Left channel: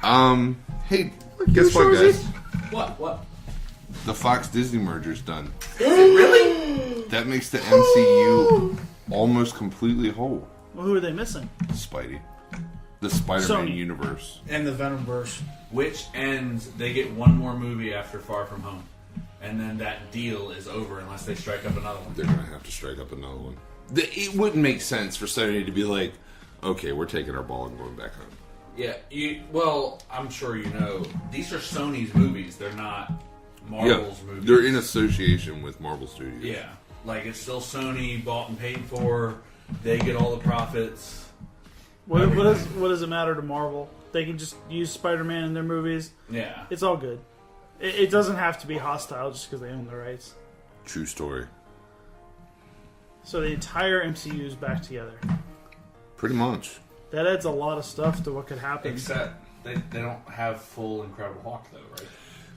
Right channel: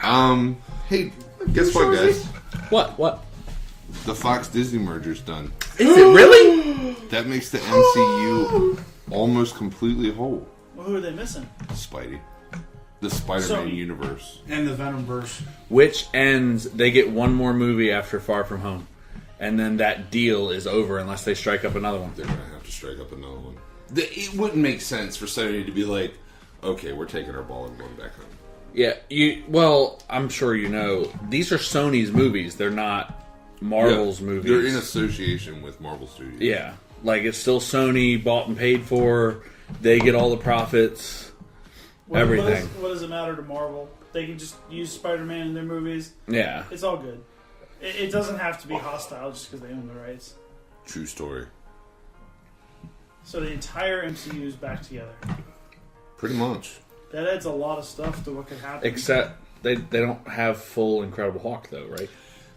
Hey, guess what, guys? What? The Fox-Disney merger's done. Is it really? That makes the MCU almost completely whole. Well, who are they missing? Spidey. The Spider-Man universe. And the Venomverse. Which ends, they get one more movie after Far From Home. And then that deal is over unless they strike up another one. They're going to have to strike up another one. It wouldn't make sense for Sony to be like, okay, we're taking our ball and going back home. Yeah, well, I'm sure you know, these are Sony's movies. They're not Marvel's movies. They're in association with Marvel Studios. Yeah, like it's still Sony, bought and paid for. They get all the profits. Everything. What does it matter to Marvel? They can just use Spider-Man in their movies. Yeah. It's all good. It doesn't have to be hostile just because they own the rights. True story. So the entire MCU is back together. Pretty much. That adds a lot of stuff to what could happen. Except they don't have full Incredible Hulk though, right?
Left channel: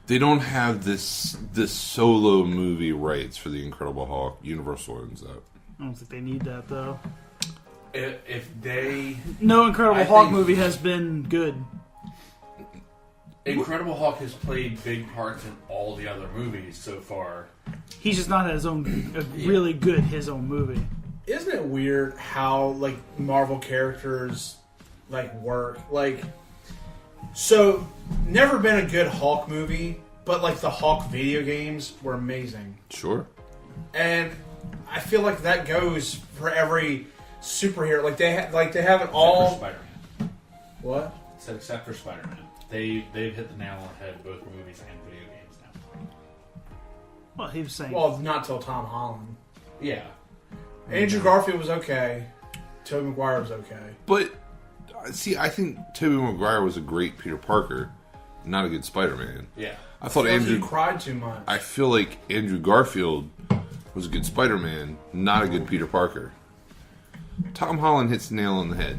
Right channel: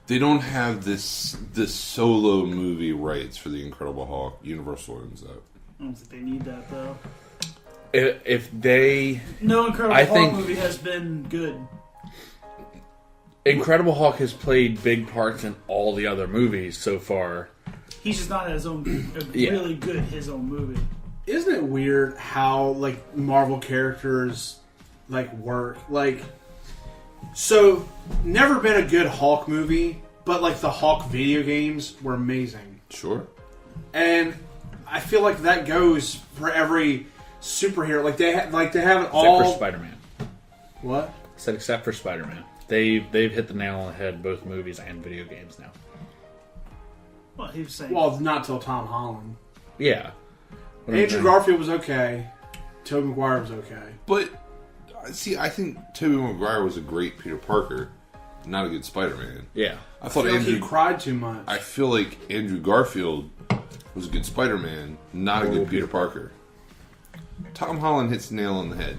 They don't have this solo movie rights for the Incredible Hulk. Universal owns that. I don't think they need that though. If they... No Incredible Hulk movie has been good. Incredible Hulk has played big parts in all the other movies so far. He's just not his own really good his own movie. Isn't it weird how like Marvel characters like work? Like, so never been a good Hulk movie, but like the Hulk video games were amazing. Sure. And I feel like that goes for every superhero. Like they have it all. Except for Spider-Man. What? I said except for Spider-Man. They've hit the nail on the head, both movies and video games now. Well, he was saying. Well, not till Tom Holland. Yeah. Andrew Garfield was okay. Tobey Maguire was okay. But, see, I think Tobey Maguire was a great Peter Parker, not a good Spider-Man. Yeah. I thought Andrew... He cried too much. I feel like Andrew Garfield was a good Spider-Man, not a good Peter Parker. Tom Holland hits the nail on the head.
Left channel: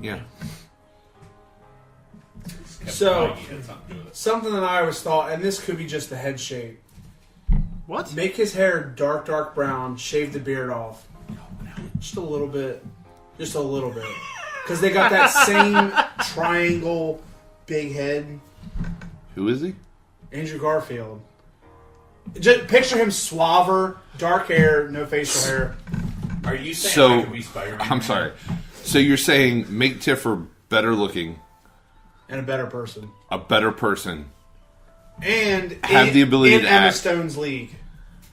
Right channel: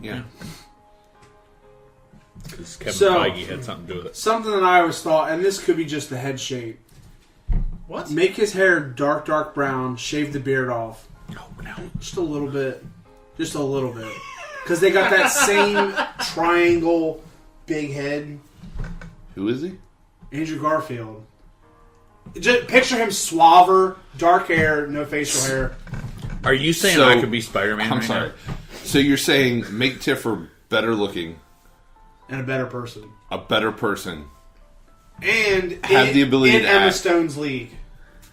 Yeah. Kevin Feige had something to do with it. Something that I always thought, and this could be just the head shape. What? Make his hair dark brown, shave the beard off. Oh, no. Just a little bit. Just a little bit. Because they got that same triangle big head. Who is he? Andrew Garfield. Just picture him suaver, dark hair, no facial hair. Are you saying So, I could be Spider-Man? I'm sorry. So you're saying make Tiffer better looking, And a better person. a better person. And Have the ability in to Emma act. Stone's league.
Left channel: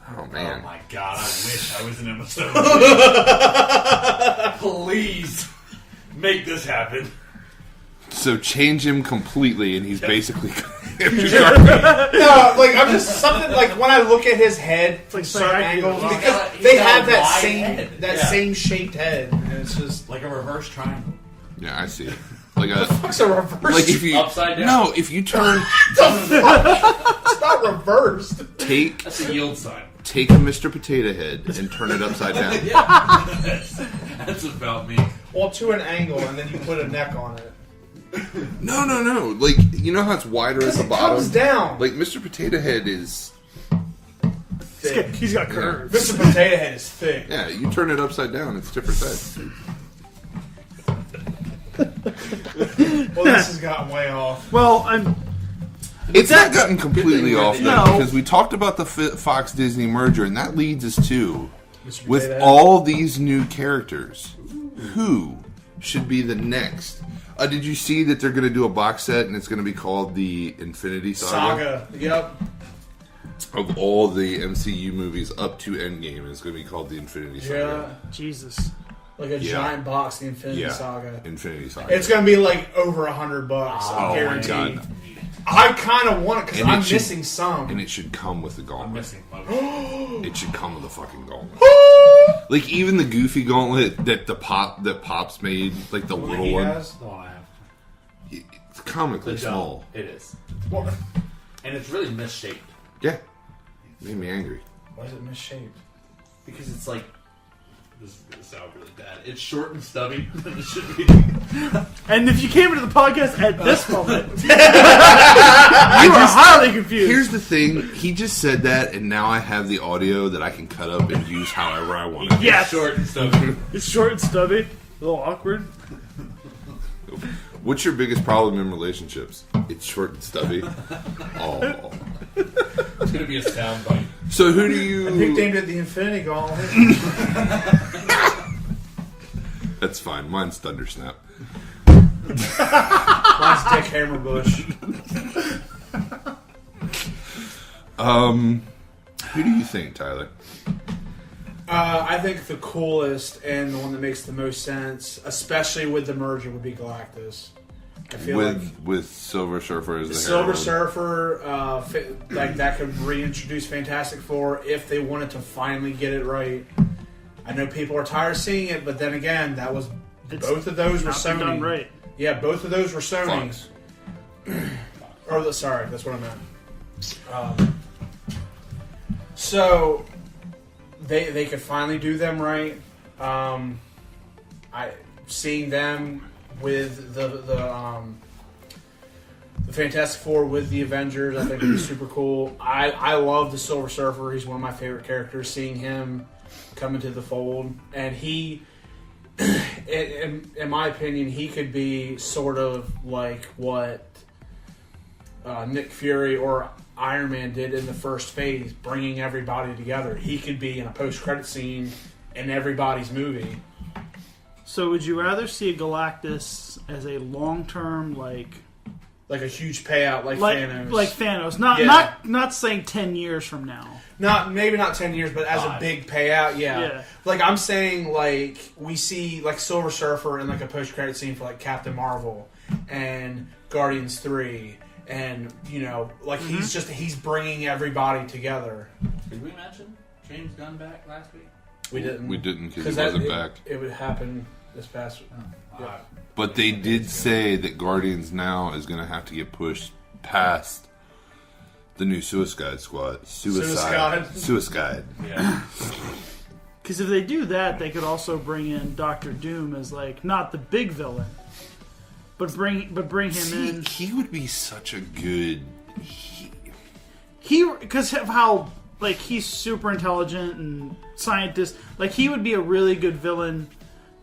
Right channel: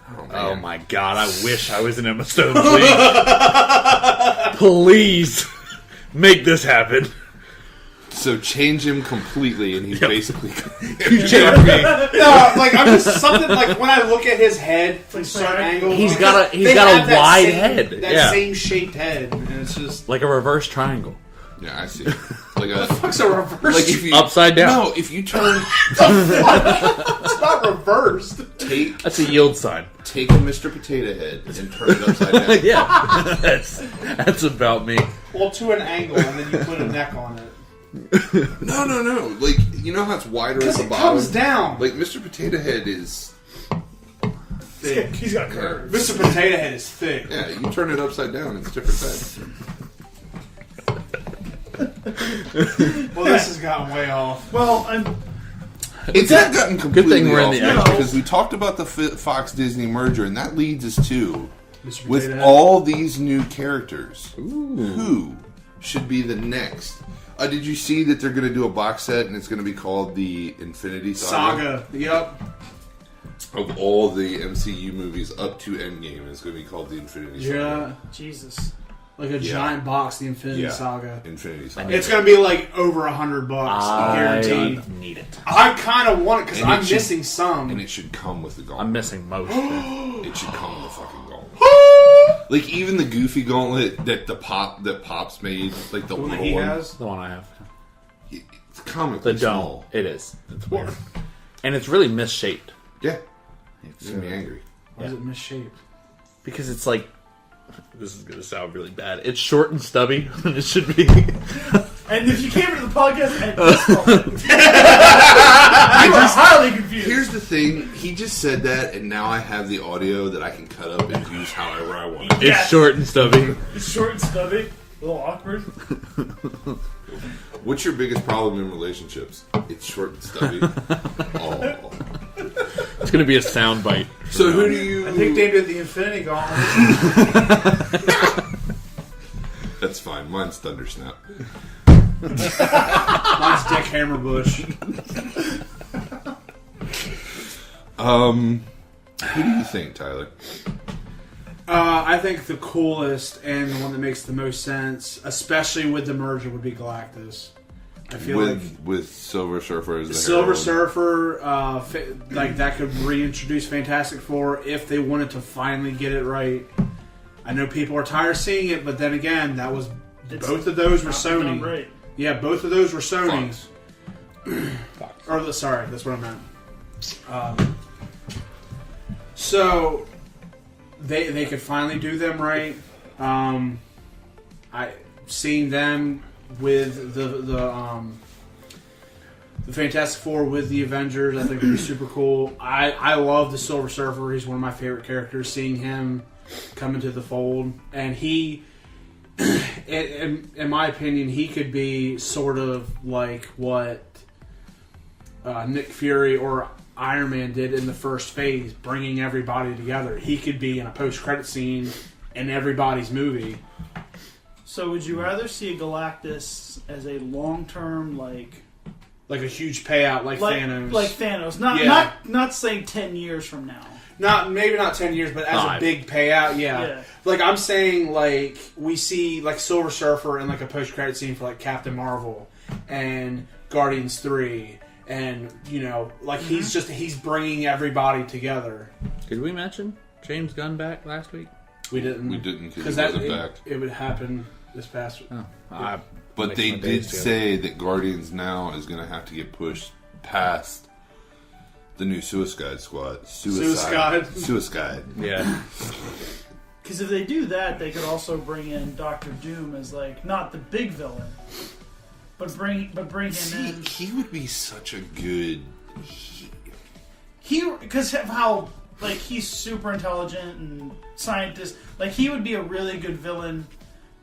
Oh, Oh man. my god, I wish I was in Emma Stone's league. Please make this happen. So change him completely, and he's basically... No, like I'm just something like when I look at his head from certain angles, He's because got a they have that wide same, head. that Yeah. same shaped head. And it's just Like a reverse triangle. Yeah, I see. Like it's a reverse. like if you Upside down. No, if you turn it's not reversed. That's a yield sign. take a Mr. Potato Head and turn it upside down. Yeah. That's about me. Well, to an angle, and then you put a neck on it. No. Like, you know how it's wider at the It bottom? comes down. Like, Mr. Potato Head is... Thick. He's got a curve. Mr. Potato Head is thick. Yeah, you turn it upside down, it's a different side. Well, this has gotten way off. Well, It's not gotten completely we're in off, the though, end. because we talked about the Fox-Disney merger, and that leads us to, Mr. with Potato Head. all these new characters, who should be the next? Did you see that they're going to do a box set, and it's going to be called the Infinity Saga? Yep. Of all the MCU movies up to Endgame, it's going to be called the Infinity Saga. Yeah. Jesus. Like a giant box, the Infinity Saga. Infinity Saga. It's going to be like over $100, guaranteed. I need it. I kind of want it because And I'm it should- missing some. And it should come with the gauntlet. I'm missing most. It should come with the fucking gauntlet. Like, even the goofy gauntlet that Pops made, like the little He one, has. The one I have. it's comically The small. dome. It is. It's weird. And it's really misshaped. Yeah. It made me angry. Why is it misshaped? Because it's like... This is going to sound really bad. It's short and stubby, and it should be... And if you came into the podcast at this moment, I just... highly confused. Here's the thing. He just said that, and now I have the audio that I can cut up and use however I want it. It's short and stubby. It's short and stubby. A little awkward. What's your biggest problem in relationships? It's short and stubby. Oh. It's going to be a soundbite. So who do you... I nicknamed it the Infinity Gauntlet. That's fine. Mine's Thundersnap. Mine's Dick Hammerbush. Who do you think, Tyler? I think the coolest and the one that makes the most sense, especially with the merger, would be Galactus. I feel With Silver Surfer as the Silver Herald. Surfer, like that could reintroduce Fantastic Four if they wanted to finally get it right. I know people are tired of seeing it, but then again, both of those were Sony. Right. Yeah, both of those were Sony. Fox. Sorry, that's what I meant. So they could finally do them right. Seeing them with the Fantastic Four with the Avengers, I think would be super cool. I love the Silver Surfer. He's one of my favorite characters. Seeing him come into the fold, and he, in my opinion, he could be sort of like what Nick Fury or Iron Man did in the first phase, bringing everybody together. He could be in a post-credit scene in everybody's movie. So would you rather see Galactus as a long-term, like a huge payout, like Thanos? Like Thanos. Not saying 10 years from now. Maybe not 10 years, but as a big payout, yeah. Like, I'm saying, like, we see, like, Silver Surfer in, like, a post-credit scene for, like, Captain Marvel and Guardians 3. And, you know, like, he's bringing everybody together. Did we mention James Gunn back last week? We didn't. We didn't because he wasn't back. It would happen this past week. Oh. But they did say that Guardians now is going to have to get pushed past the new Suicide Squad. Suicide. Yeah. Because if they do that, they could also bring in Doctor Doom as, like, not the big villain, but bring him in. He would be such a good... Because of how, like, he's super intelligent and scientist. Like, he would be a really good villain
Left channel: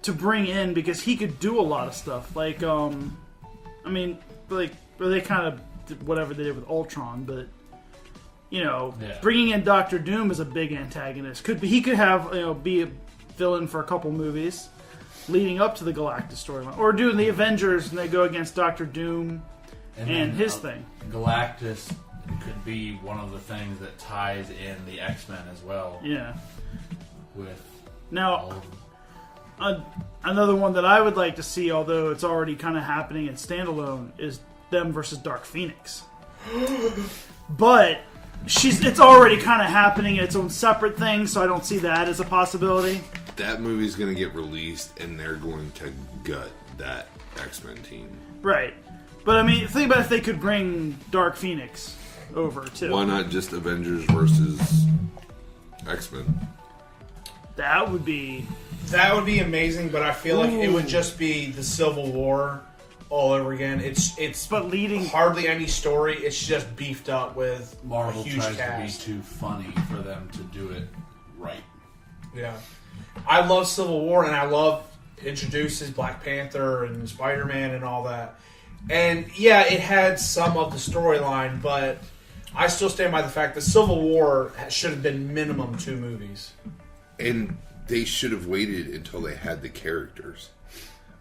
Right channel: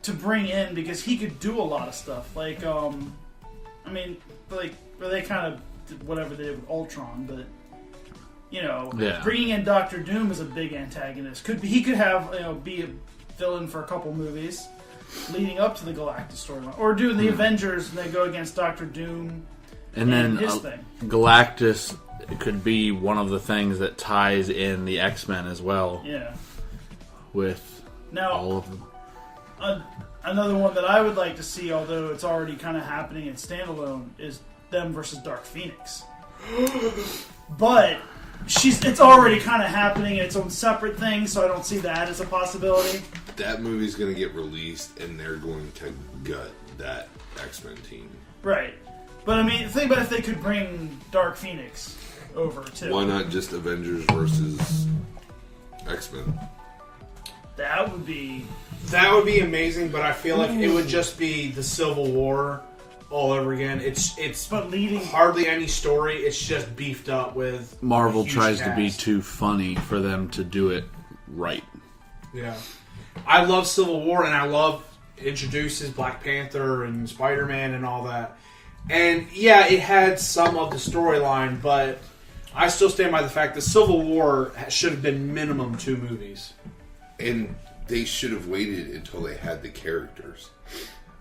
to bring in because he could do a lot of stuff. Like, I mean, like, they kind of did whatever they did with Ultron, but, you know, bringing in Doctor Doom as a big antagonist he could have, you know, be a villain for a couple movies leading up to the Galactus storyline, or do the Avengers and they go against Doctor Doom and then his thing. Galactus could be one of the things that ties in the X-Men as well. Yeah. With all of them. Another one that I would like to see, although it's already kind of happening in standalone, is them versus Dark Phoenix. But it's already kind of happening in its own separate thing, so I don't see that as a possibility. That movie's going to get released, and they're going to gut that X-Men team. Right. But, I mean, think about if they could bring Dark Phoenix over, too. Why not just Avengers versus X-Men? That would be amazing, but I feel like it would just be the Civil War all over again. It's hardly any story. It's just beefed up with Marvel a huge tries cast. to be too funny for them to do it right. Yeah. I love Civil War, and I love introduces Black Panther and Spider-Man and all that. And, yeah, it had some of the storyline, but I still stand by the fact that Civil War should have been minimum 2 movies. And they should have waited until they had the characters.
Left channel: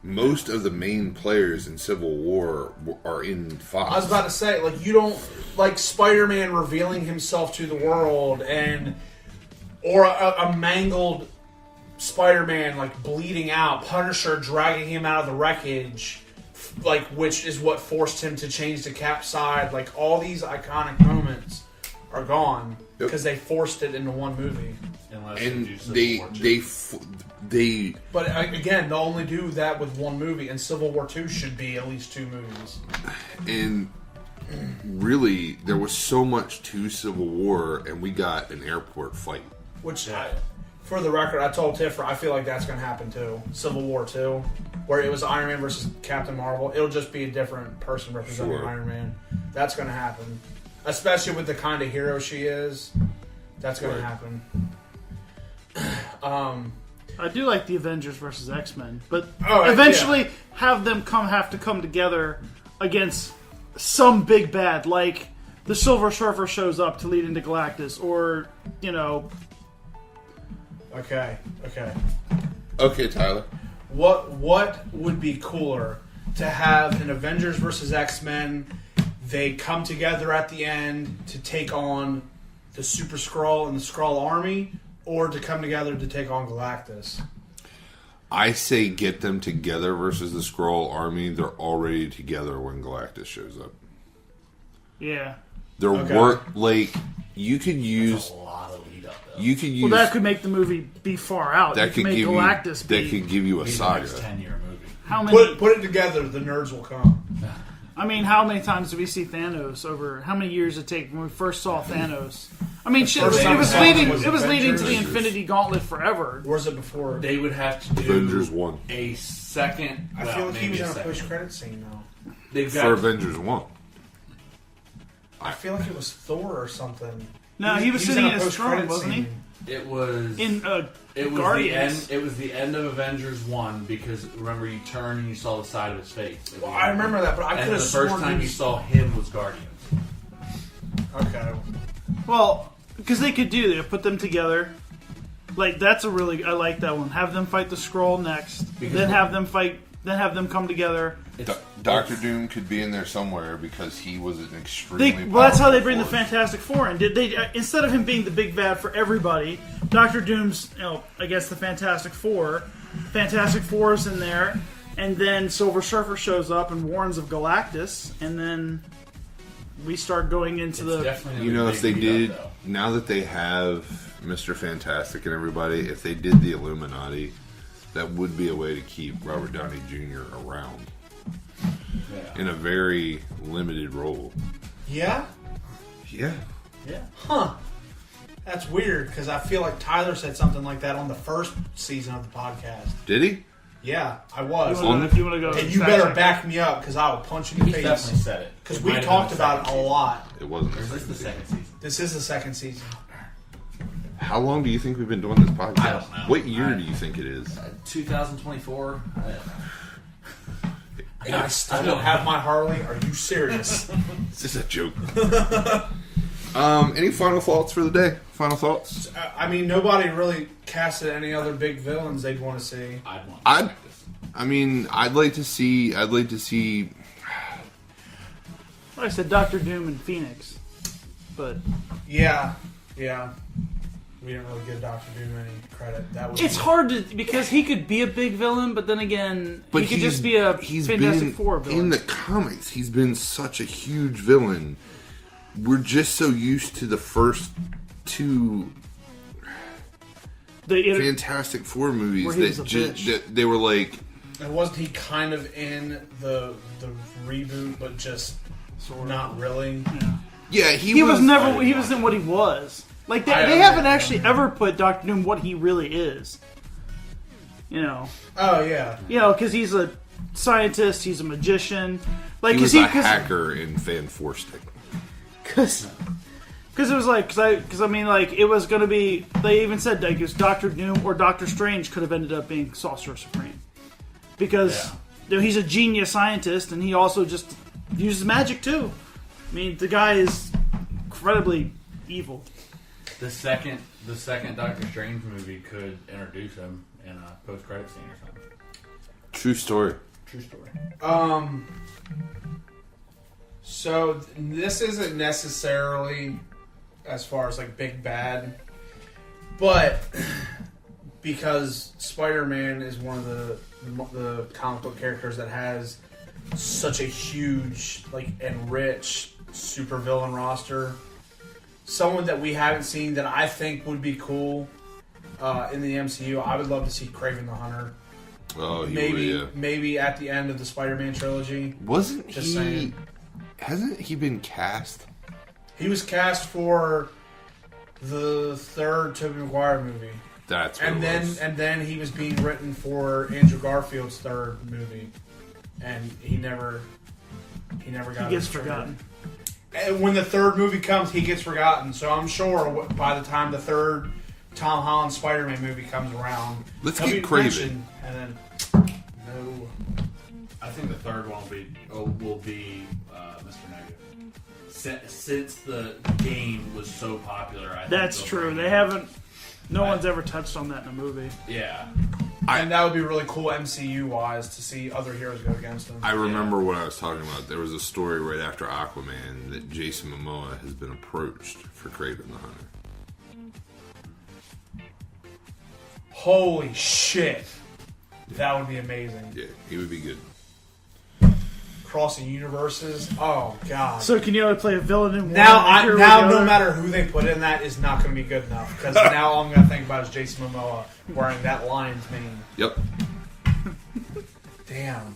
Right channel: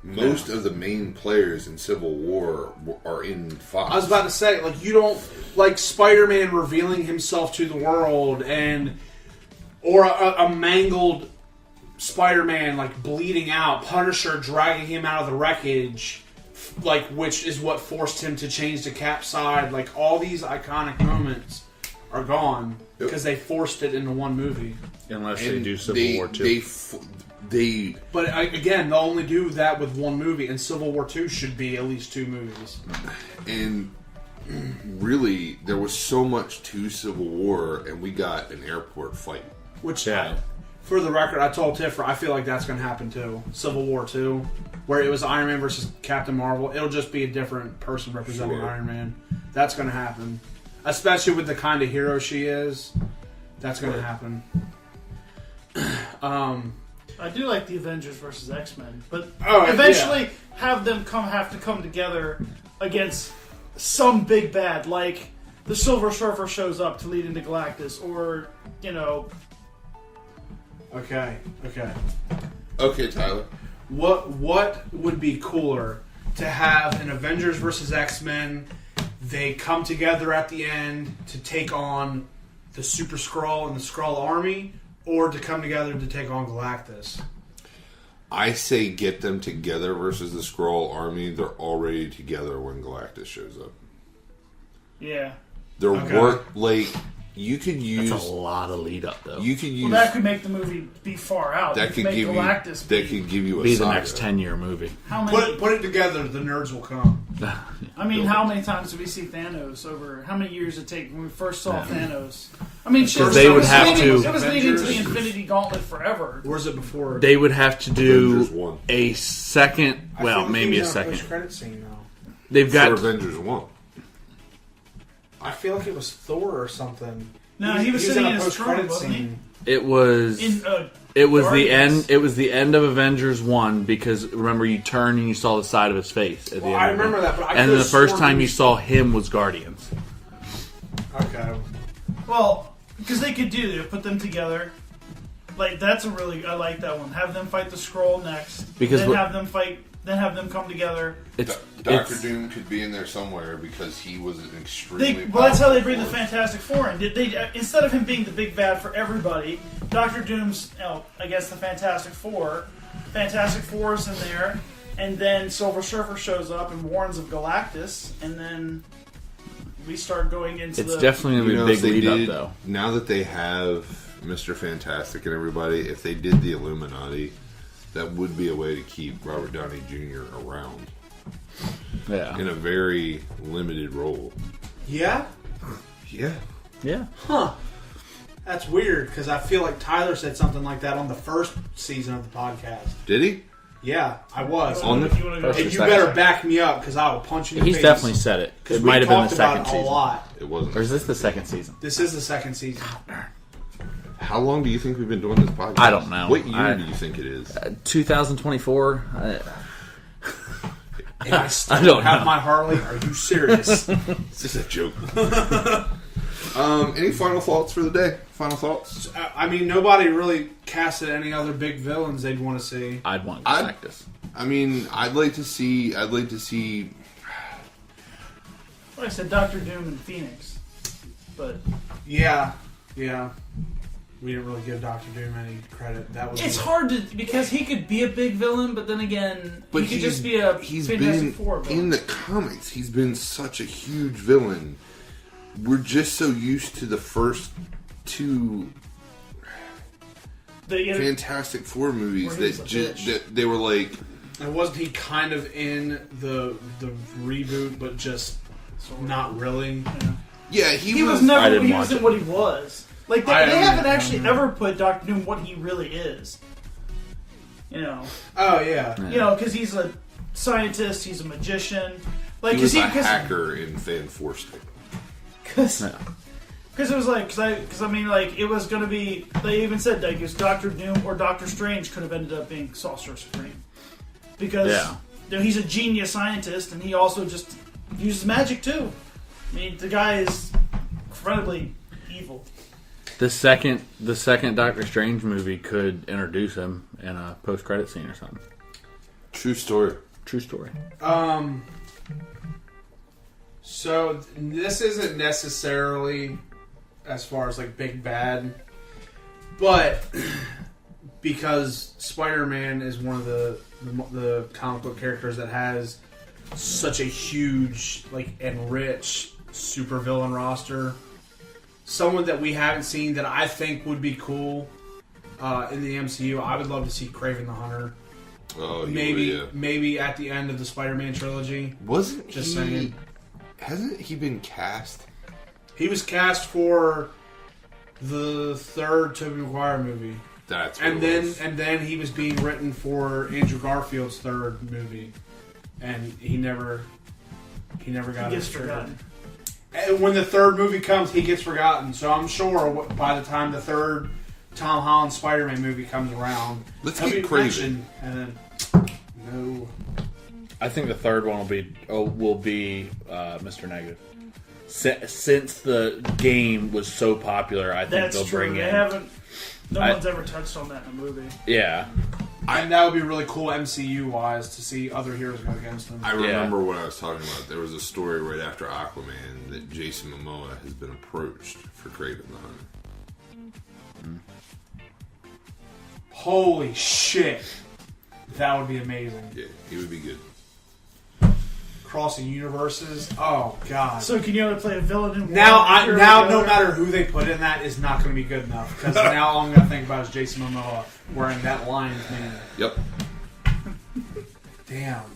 Most of the main players in Civil War are in Fox. I was about to say, like, you don't... Like, Spider-Man revealing himself to the world, or a mangled Spider-Man, like, bleeding out. Punisher dragging him out of the wreckage, like, which is what forced him to change to Cap's side. Like, all these iconic moments are gone because they forced it into one movie. Unless they do Civil War 2. But again, they'll only do that with one movie, and Civil War 2 should be at least 2 movies. And really, there was so much to Civil War, and we got an airport fight. Which, for the record, I told Tiffer, I feel like that's going to happen too. Civil War 2, where it was Iron Man versus Captain Marvel. It'll just be a different person representing Iron Man. That's going to happen. Especially with the kind of hero she is. That's going to happen. I do like the Avengers versus X-Men, but Oh, eventually have them have to come together against some big bad, like the Silver Surfer shows up to lead into Galactus, or Okay. Okay, Tyler. What would be cooler to have an Avengers versus X-Men? They come together at the end to take on the Super Skrull and the Skrull Army, or to come together to take on Galactus? I say get them together versus the Skrull Army. They're already together when Galactus shows up. Yeah. They're you could use That's a lot of lead up though. You could use that could make the movie be far out. that could give you a be the saga. next 10-year movie. How many, Put it together, the nerds will come. I mean, how many times did we see Thanos over? How many years did it take when we first saw Thanos? I mean, shit, they it would was have leading, to- it was leading to the Avengers. Infinity Gauntlet forever. Where's it before? They would have to Avengers do 1. a second. I feel Well, like maybe he a was in second. post-credit scene now. They've For got Avengers 1. I feel like it was Thor or something. No, he was in sitting a in his post-credit throne, wasn't he? scene. it was In, it was the Guardians. end. It was the end of Avengers 1 because remember you turned and you saw the side of his face. At the Well, end I of it. remember that, but I And then could've the first sworn time he you was- saw him was Guardians. Okay. Well, because they could do that, put them together. Like that's a really, I like that one. Have them fight the Skrull next, Because then what- have them fight, then have them come together. Doctor it's- Doom could be in there somewhere because he was an extremely Well, that's how they powerful bring the force. Fantastic Four in. Did they instead of him being the big bad for everybody, Doctor Doom's, I guess the Fantastic Four is in there, and then Silver Surfer shows up and warns of Galactus, and then we start going into It's the. definitely You a know, big if they lead did, up though. now that they have Mr. Fantastic and everybody, if they did the Illuminati, that would be a way to keep Robert Downey Jr. around Yeah. in a very limited role. Yeah? Yeah. Yeah. Huh. That's weird, because I feel like Tyler said something like that on the first season of the podcast. Did he? Yeah, I was. On the- You wanna go And you better back me up, because I will punch you in the He's face. definitely said it. Because It we might have been the talked about second it a season. lot. It wasn't. Or is this the second season? This is the second season. How long do you think we've been doing this podcast? I don't know. What year do you think it is? 2024. And I still I don't have know. my Harley. Are you serious? It's just a joke. Any final thoughts for the day? Final thoughts? I mean, nobody really casted any other big villains they'd want to see. I'd want I'd- Galactus. I mean, I'd like to see. Like I said, Doctor Doom and Phoenix, but Yeah. We didn't really give Dr. Doom any credit. That was it's hard to because he could be a big villain, but then again, But he could just be a he's Fantastic been Four villain. in the comics. He's been such a huge villain. We're just so used to the first two The- Fantastic Four movies Where he was that a just bitch. that they were like, And wasn't he kind of in the reboot, but just not really? yeah, he was. was never. I didn't He watch wasn't it. what he was. Like they I haven't don't actually know. ever put Doctor Doom what he really is. You know, Oh, yeah. because he's a scientist, he's a magician. Like He was a 'cause- hacker in Fan Four Stick. Because it was like, because I mean, like, it was going to be, they even said that it was Doctor Doom or Doctor Strange could have ended up being Sorcerer Supreme. Because he's a genius scientist and he also just uses magic too. I mean, the guy is incredibly evil. The second Doctor Strange movie could introduce him in a post-credit scene or something. True story. True story. So this isn't necessarily as far as like big bad, but because Spider-Man is one of the comic book characters that has such a huge like and rich supervillain roster, someone that we haven't seen that I think would be cool in the MCU. I would love to see Kraven the Hunter. Oh, he would, yeah. Maybe at the end of the Spider-Man trilogy. Wasn't Just he? saying. Hasn't he been cast? He was cast for the third Tobey Maguire movie, That's what and it was. then he was being written for Andrew Garfield's third movie, and he never got He gets his script. forgotten. And when the third movie comes, he gets forgotten. So I'm sure by the time the third Tom Holland Spider-Man movie comes around, Let's he'll get be Craven. mentioned, and then no. I think the third one will be Mr. Negative. Since the game was so popular, I think That's they'll true. bring They in. haven't. No one's ever touched on that in a movie. Yeah, And that would be really cool MCU wise to see other heroes go against them. I remember what I was talking about. There was a story right after Aquaman that Jason Momoa has been approached for Craven the Hunter. Holy shit, that would be amazing. Yeah, he would be good. Crossing universes. Oh god. So can you only play a villain in Now, one no matter who they put in that is not going to be good enough because now all I'm going to think about is Jason Momoa wearing that lion's mane. Yep. Damn.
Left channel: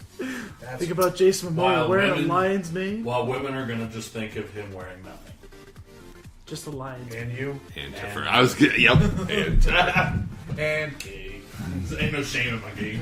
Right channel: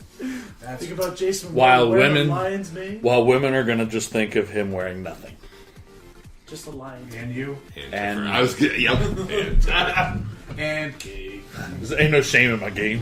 That's Think about Jason While wearing women- a lion's mane. while women are gonna just think of him wearing nothing. Just a lion. and you And And- Tiffer. I was good. Yep. And Tiffer. and There ain't no shame in my game.